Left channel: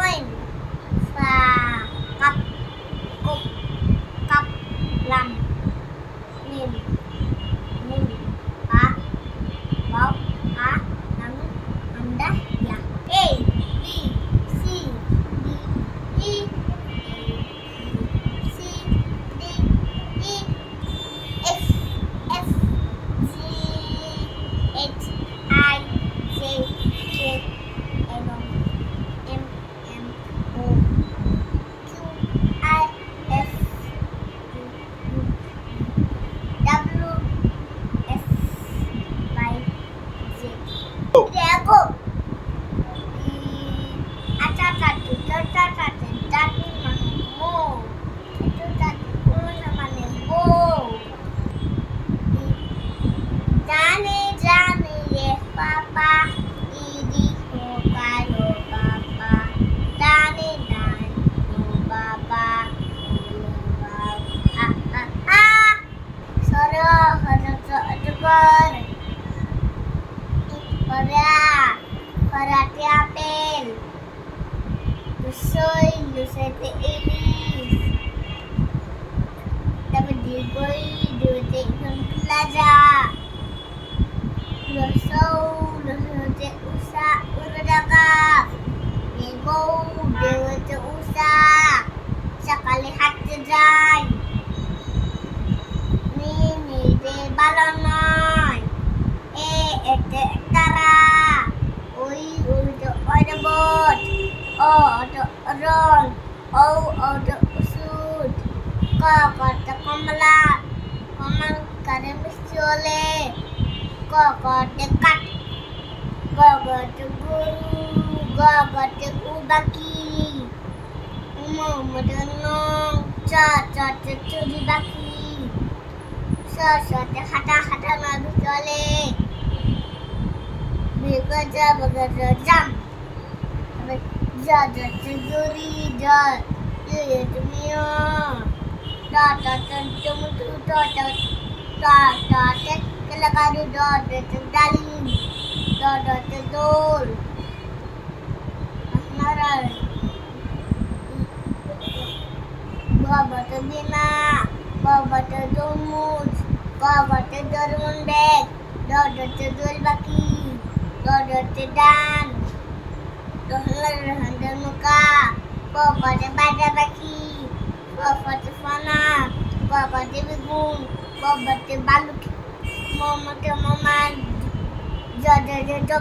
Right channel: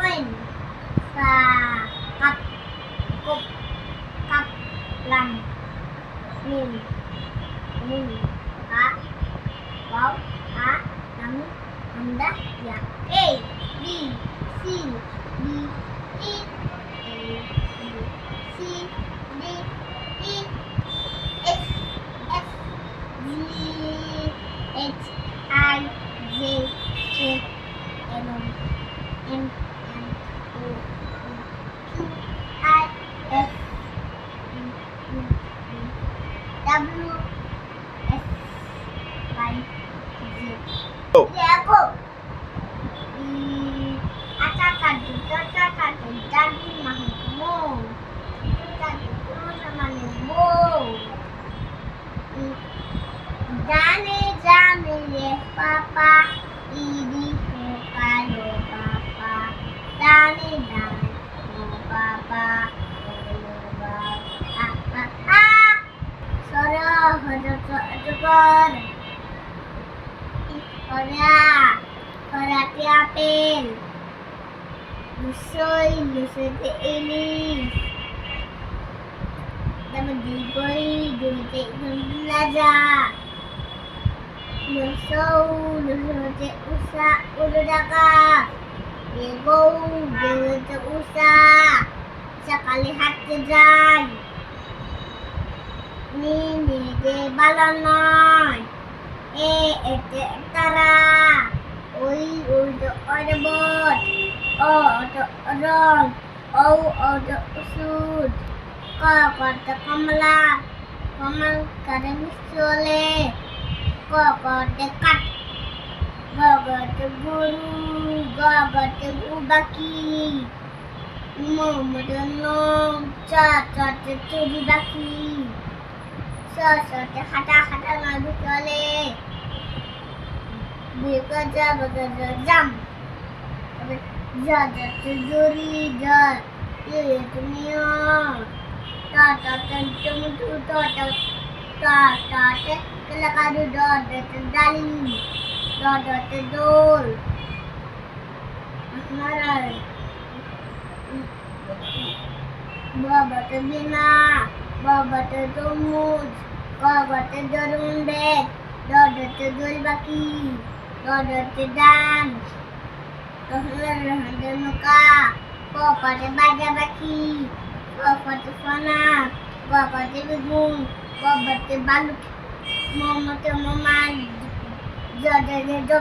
Coin. Sa. Cup. Cup. Cup. Lam. Min. Min. Pa. Bau. Ha. Nam. Anda. Ya. A. B. C. D. E. C. D. E. F. F. G. H. I. J. K. L. M. N. O. Q. I. S. T. U. W. X. Y. Z. Jago. Acacat itu cacat jadi mahmu. Itu tadi pun sama nemu. Jani jani yes papa. Idi kalo papa. Jani jani papa. Soro hodok Perhati apel. Lusoy te ilis. Tapi digoi te belajar. Lusoy te usa udaka. Digou te usa. Sekali hati jai. Ni de balonai. Ete tara. Oi to odebot. To odol. To usud. Ko to kamala. Kamal kare misole. Ko to kat. Go to guru. Go to ubaki. Mo donong cha churi baki. So hata lagu chole. Bekerja jam. Tidur ye dunia. Data tentu data kalau kadu data tendali. Data tedol. Marai. Baba tebina. Baba tedomus. Baba tedorundek. Dada tedol baki. Dada tedan. Handa muka. Papa te bada baki. Papa te fana. Papa te begung. Papa te baluk. Mama te mama. Dada dada.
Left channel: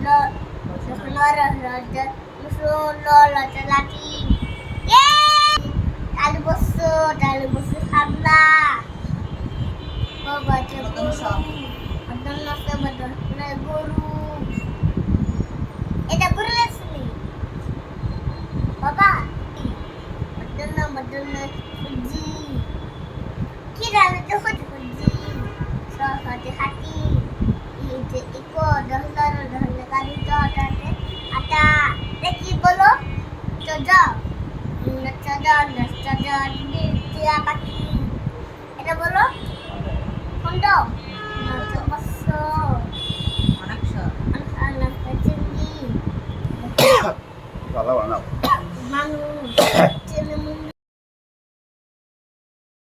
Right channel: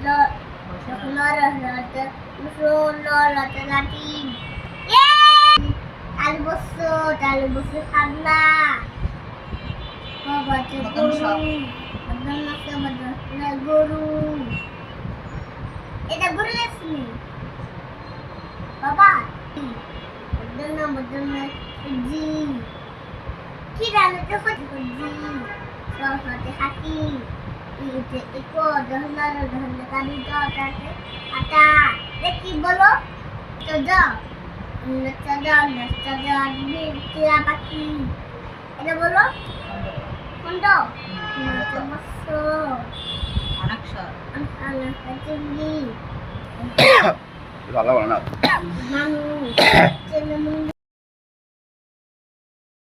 Lora musuh lora te laki. Yeay! Talu bosu handa. Papa te guru. Madonna guru. এটা গরু আসলে বাবা বদল জি কি জানো তো হতে জি সহতে হাতি ইতে ইকো দহলার ধরলে কালি জটাতে আটা কি বলো চজা নচজা টিয়া পাখি এটা বলো কোনটা নচমস অনাক্ষর আল্লাহ চিংড়ি ভালো বানাও মানুষ